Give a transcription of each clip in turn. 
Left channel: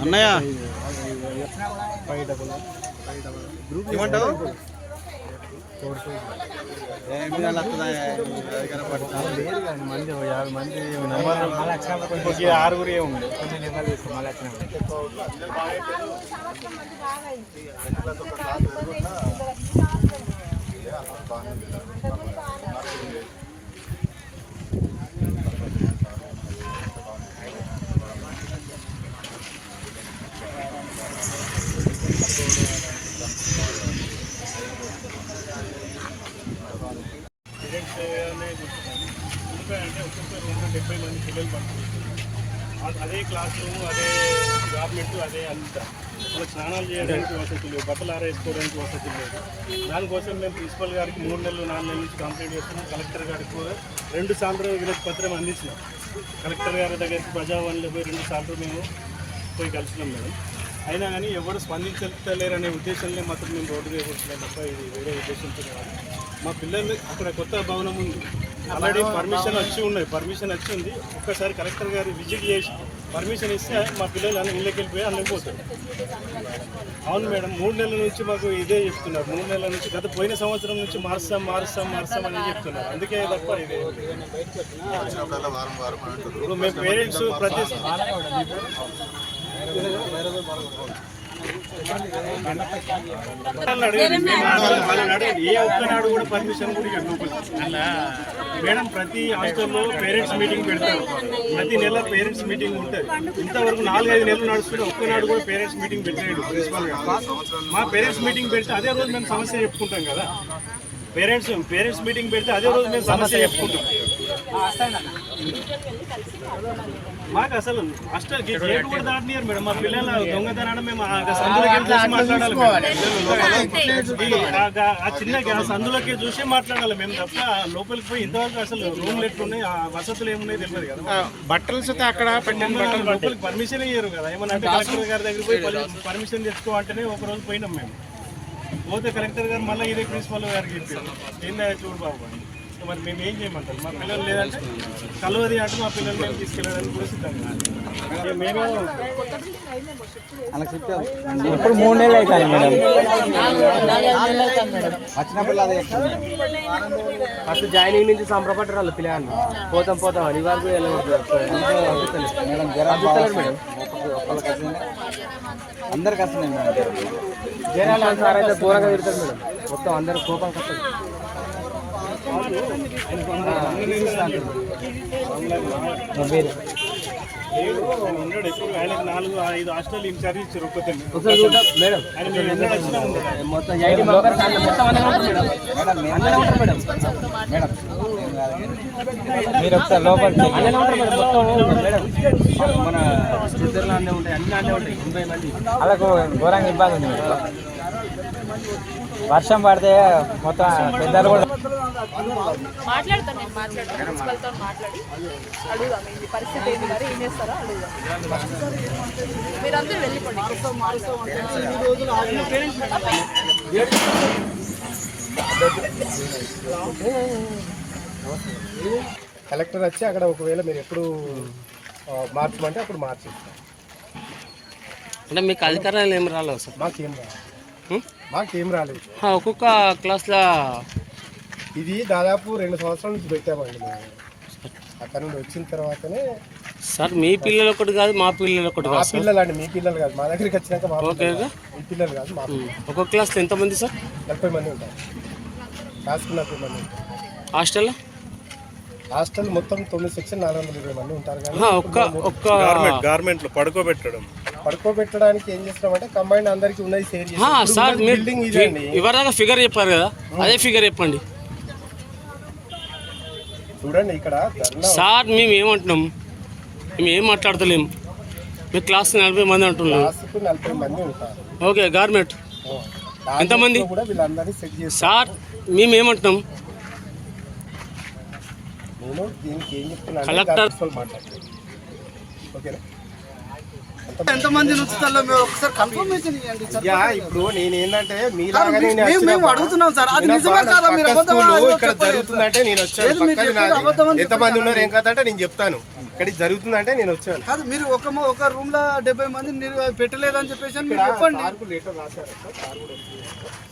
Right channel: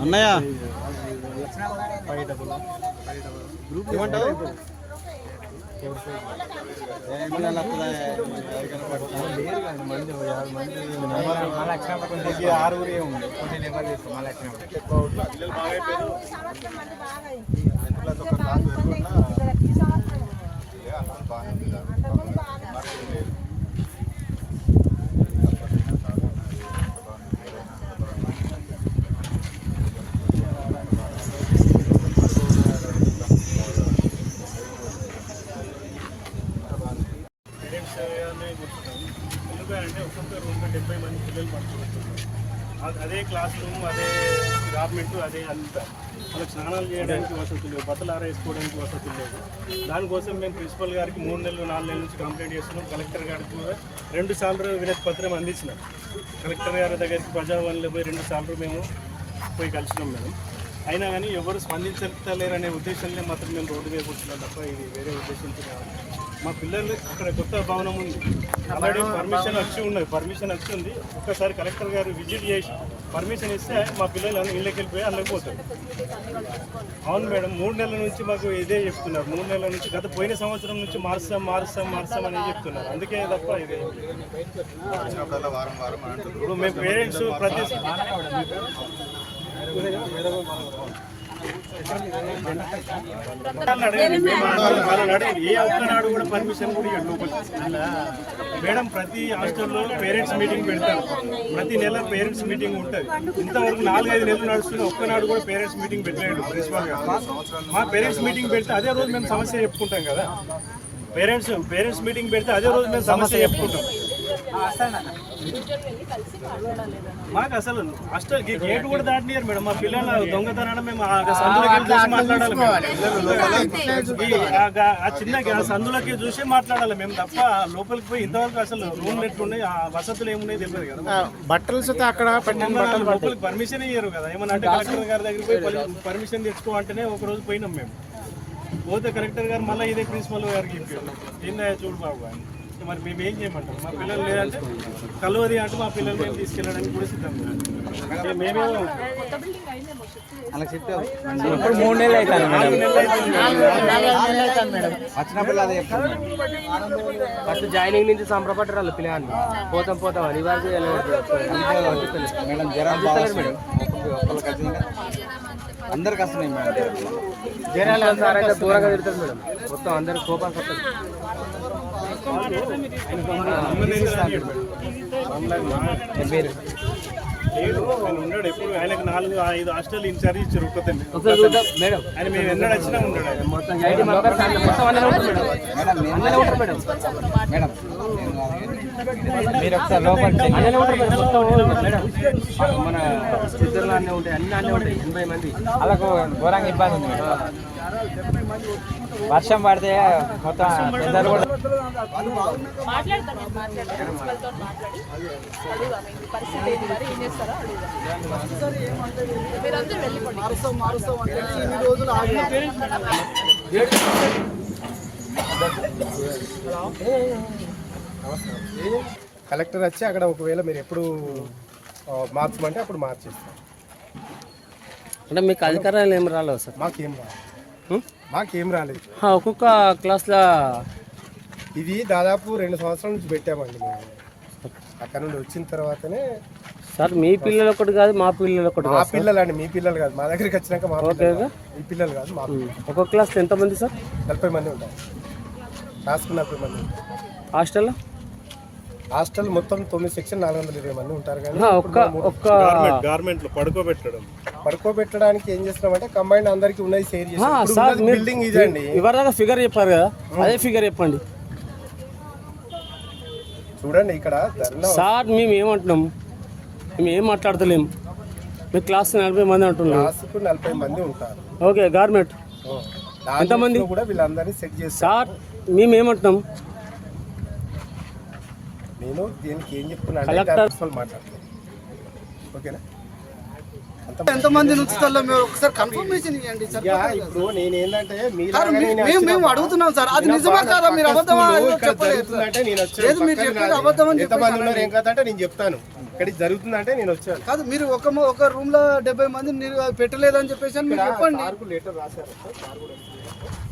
అన్నయ్య. ఏమంటావు? ఆరుగురే ఉంది ఎందుకంటే ఒక్కొక్క రూమ్లో డెబ్బై మంది పిల్లలు పడుతున్నారు అదే క్లాస్ రూమ్ అదే గవర్నమెంట్ అదే అంత. వాళ్ళకి స్నానాలు చేయడానికి వసతి లేదు. బట్టలు ఆరేసుకోవడానికి వసతి లేదు. దానికోసం మేము ప్రిన్సిపల్ గారికి మూడు నెలలు నాలుగు నెలల నుంచి కంప్లైంట్ చేస్తున్నాం. కలెక్టర్ గారికి కూడా రెండు సార్లు వినతి పత్రం అందించినాం. కలెక్టర్ గారి దగ్గరికి ప్రజావనంలో పోయి రెండు సార్లు మేము పోయి కలిసినాం మేడం. అయినా కానీ ఎవరు స్పందించలేరనే ఉద్దేశంలో మాత్రం మేము రోడ్డు కూర్చున్నాం తప్ప ఇది వేరే ఉద్దేశంతో కాదు. మా పిల్లలు అక్కడ కొత్త భవనం ఉంది. ఆల్రెడీ పర్మిషన్ వచ్చి ఉన్నది. పర్మిషన్ వచ్చి ఉంది. ఒక్కసారి కలెక్టర్ గారు విజిట్ చేసి పర్మిషన్ ఇస్తే మా పిల్లలు అన్ని ఇళ్ళకి వెళ్ళిపోయి అందులోకి పోతారు. అవును మేడం మూడు నెలల నుంచి మాకు ఇదే చెప్తున్నారు. మూడు నెలల నుంచి గత పోయిన సంవత్సరం నుంచి మారుస్తాం మారుస్తాం మారుస్తాం అని చెప్తున్నారు. అందుకే తప్ప ఇదే. ఇప్పుడు మేము పేరెంట్స్ ప్రతి మేము ఏ ఒక్కనాడు కూడా పర్మిషన్ కూడా ఇవ్వండి లోపలికి మేడం ప్రతి హాస్టల్లో పేరెంట్స్ మీటింగ్ పెడతారు. ప్రతి నెల పేరెంట్స్ మీటింగ్ ఉంటుంది. ఇంతవరకు నాలుగైదు నెలలు నడుస్తున్న ఒక్కనాడు కూడా పేరెంట్స్ మీటింగ్ పెట్టలేడు ప్రిన్సిపాల్ గారు. మా పేరెంట్స్ మీటింగ్ పెడితే అదే రోజు మేము సమస్య చెప్పుకుంటాం కదా. పేరెంట్స్ పేరెంట్స్ మీటింగ్ పెడితే అదే రోజు మేము సమస్య చెప్పుకుంటాం. మాకు అసలు హాస్టల్ గేట్ కూడా దాటినారు మేడం. మా పిల్లల దొంగతనం మేము ఆ చిన్న సందులోకి చూసి మాట్లాడాలి మేము తప్ప లోపలికి పోయి ఇంతవరకు అసలు రూమ్లు ఎట్లున్నాయి ఆ వసతులు ఏమున్నాయి తెలియదు కదా బట్టలు సుతా అక్కడ లోపలికి పర్మిషన్ ఇయ్యరు కదా. ఏమన్నా అంటే కలెక్టర్ గారి దగ్గర పోయి పర్మి- పర్మిషన్ తెచ్చుకో అంటేనే ఒక రోజు పోయినాం మేము. పోతే కలెక్టర్ గారు మళ్ళీ ఇదే ప్రిన్సిపల్ గారికి చెప్పారు. ఏందా చూడు బాబు అని. మరి మేము ఏం చేయమంటారు? మా పిల్లలు లేదంటే కలవది అంటే మా పిల్లలు మేము తీసుకెళ్ళడానికి కూడా. మేము చెప్తావు ఇప్పుడు మూడు నెలలు అవుతుంది వచ్చిన పిల్ల అదే చెప్తాను. ఫస్ట్ జాయినింగ్ నుంచి సంబరపడ్డారు వాళ్ళు పిల్లలు. పోతాం పోతాం. అని ఇవాళ మేడం జ్వరం? అందరికి వస్తున్నాయి మేడం. జ్వరం. జనాలు అందరూ దూరంగా పెడతారు మేడం. మొత్తం అందరూ కోపం కొట్టారు లేదు, ఆయన ఉండడు ఎప్పుడు ఆయనకు నాలుగు ఐదు హాస్టల్ ఇన్ఛార్జ్ ఇచ్చారు ఒక్కతండి మేడం ఆయన మేము ఎన్నడూ వచ్చినా ఉండడు ఆయన. మొత్తం మొత్తం మేడం మీరు ఒకసారి లోపలికి మేడం, మన ఇద్దరు అన్నీ ఉంటాయి అన్ని అన్నీ ఉంటాయి ఎనభై మంది ఘోరంగా ఇబ్బంది ఉంది మేడం వర్షం పడితే మొత్తం పెద్దలు కూడా ఏం కలెక్టర్ వచ్చి అక్కడ ఒకవేళ మీరు ఎప్పుడు మార్చమంటే అప్పుడు మార్చిస్తాం అంటే మీకు అధికారాలు ఏం రాలేవు సార్ మాకేం రాలేదు హ్మ్? మాకేం? రాలేదు. ఒక్కొక్క క్లాస్లో ఇది దాదాపు రెండు సంవత్సరాల నుంచి పెట్టామండి మేము. అక్కడ నుండి వచ్చిన తర్వాతనే సార్ మీ పిల్లలు ఒకటి కాదు మా పిల్లలు ఒకటి మా పిల్లలు అండి మీ పిల్లలు కాదు. మా దగ్గరికి వచ్చినాక మా పిల్లలు మీ పిల్లలు కాదు మా. ఒక్కొక్క క్లాస్లో ఎంతమంది సార్? నలభై మంది ఉంటారు. క్లాస్కి నలభై మంది ఉంటారు. హాస్టల్లో హాస్టల్ మొత్తం తొమ్మిది సెక్షన్ నాలుగు వందల ఇరవై మంది ఉంటారు కానీ ఒక్క ఒక్క గార్మెంట్ పడుకోబెట్టడం. పడుకోబెట్టడానికి ఏం చేస్తున్నామంటే కంబైన్ అందరికి ఉన్నది షేర్ సార్ మీరు బిల్డింగ్ ఇదండి ఇవరదాకా ఫిగర్ చెప్పారు కదా? అదే ఫిగర్ చెప్పండి. చూడండి ఇక్కడ సార్ మేము ఏమంటున్నాం? మేము ఏం మాట్లాడతలేం? మీ క్లాస్ నలభై మంది అంటున్నాం. క్లాస్కు నలభై మంది ఉంటారు. ఓకే గార్మెంట్ దాంట్లో ఎంతమంది? కూడా వీళ్ళందరినీ చెక్ చేస్తాం. సార్ మేము ఏమంటున్నాం నేను దీనికి ఏం చెప్తున్నా మాట్లాడుతున్నాను ఓకేనా ఎంతమంది మీరు ఒకసారి కన్ఫర్మేషన్ ఇవ్వండి ఇప్పుడు మేము- అడుగుతున్నాం సార్ అది నేను నిజమే కాదా మీరు ఇక్కడ. జరుగుతుందంటే వచ్చాను ఎంతమంది ఉన్నారు ఏం కథ అంటే నేను చెప్తాను ఇక్కడికి జరుగుతుందంటే నేను వచ్చాను కాదు మీరు ఒక ఒక రూమ్లో డెబ్బై మంది మీరు పెట్టలేదని చెప్పేసి అని మీరు చెప్పండి లెటర్ రాశారు.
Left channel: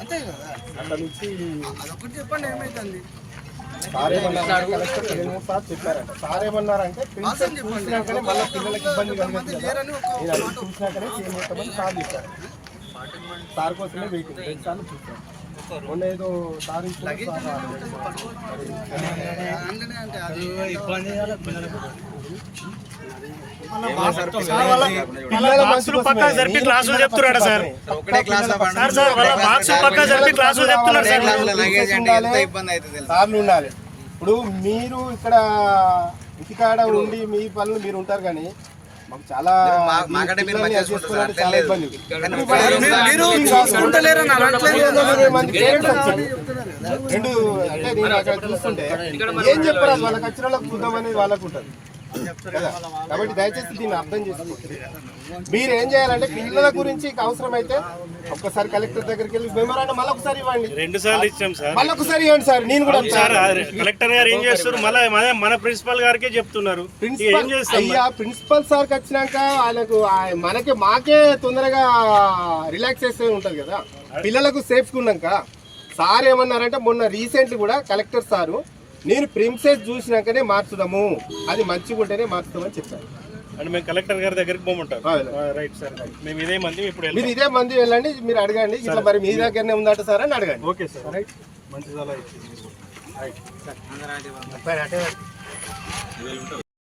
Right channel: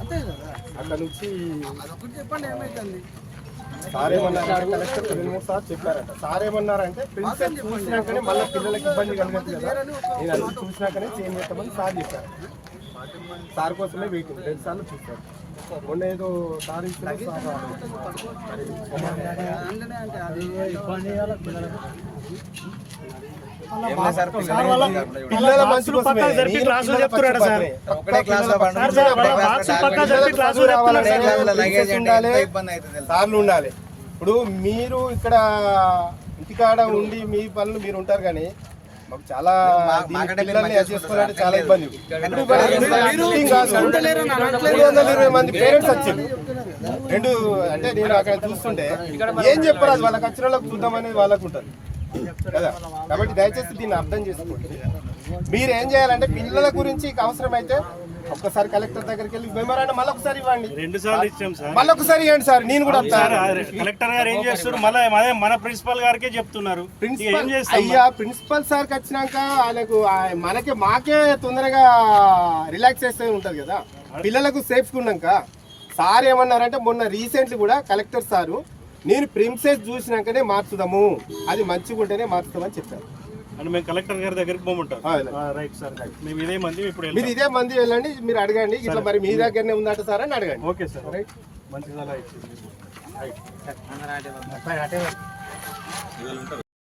అంతే కదా అక్కడ నుంచి అదొకటి చెప్పండి ఏమైతుంది సార్ ఏమన్నారు కలెక్టర్ రెండు మూడు సార్లు చెప్పారంట సార్ ఏమన్నారంటే ప్రిన్సిపల్ చూసినాకనే మళ్ళీ పిల్లలకి ఇబ్బంది కలగదు కదా. లేరని ఒక నేను అది చూసినాకనే చేంజ్ చేస్తామని సార్ చెప్పారు. సార్ కోసమే వెయిటింగ్ రెండు సార్లు చూశారు. మొన్న ఏదో పిల్లల మంచి కోసమే. జరిపి క్లాసులు పిల్లల చెప్తున్నారా సార్? సార్, సార్, వాళ్ళ బాక్స్ పక్కా జరిపి క్లాసులు చెప్తున్నారు? సార్లు ఉండాలి. ఇప్పుడు మీరు ఇక్కడ ఇంటికాడ ఉండి మీ పనులు మీరు ఉంటారు కానీ మాకు చాలా. ఇబ్బంది. రెండు అంటే నేను అక్కడ చూస్తుంటే ఏం చెప్పారు వాళ్ళకి వచ్చిన వాళ్ళకి చూద్దాం అనేది వాళ్ళకు ఉంటుంది. కదా కాబట్టి దయచేసి దీన్ని అర్థం చేసుకోండి. మీరు ఏం చేయాలంటే పిల్లల గురించి అవసరమైతే ఒక్కసారి కలెక్టర్ దగ్గరికి వెళ్ళి మెమోరాండం మళ్ళీ ఒకసారి ఇవ్వండి. రెండు సార్లు ఇచ్చాం సార్. మళ్ళీ ఒకసారి ఇవ్వండి సార్ నేను కూడా సార్ కలెక్టర్ గారు ఏం చేస్తారు మళ్ళీ మన ప్రిన్సిపల్ గారికే చెప్తున్నారు. ప్రిన్సిపల్ అయ్యా ప్రిన్సిపల్ సార్కి వచ్చినాక ఆయనకు మనకి మాకే తొందరగా రిలాక్సేషన్ ఉంటుంది కదా. పిల్లలకు సేఫ్గా ఉన్నాక సార్ ఏమన్నారంటే మొన్న రీసెంట్లీ కూడా కలెక్టర్ సారు నేను ప్రిన్సెస్ చూసినాకనే మార్చుదాము. అది మంచిగా ఉంటేనే మార్చుదామని చెప్పారు. అంటే మేము కలెక్టర్ గారి దగ్గరికి పోమంటారు. రైట్ సార్ మేము ఇదే మంది ఇప్పుడు మీరు. ఇదే మంది వెళ్ళండి మీరు అడగండి. ఇట్లా మరి మీ దగ్గరనే ఉందట సార్ అని అడగండి. Okay sir. మంచి సలహా ఇచ్చింది.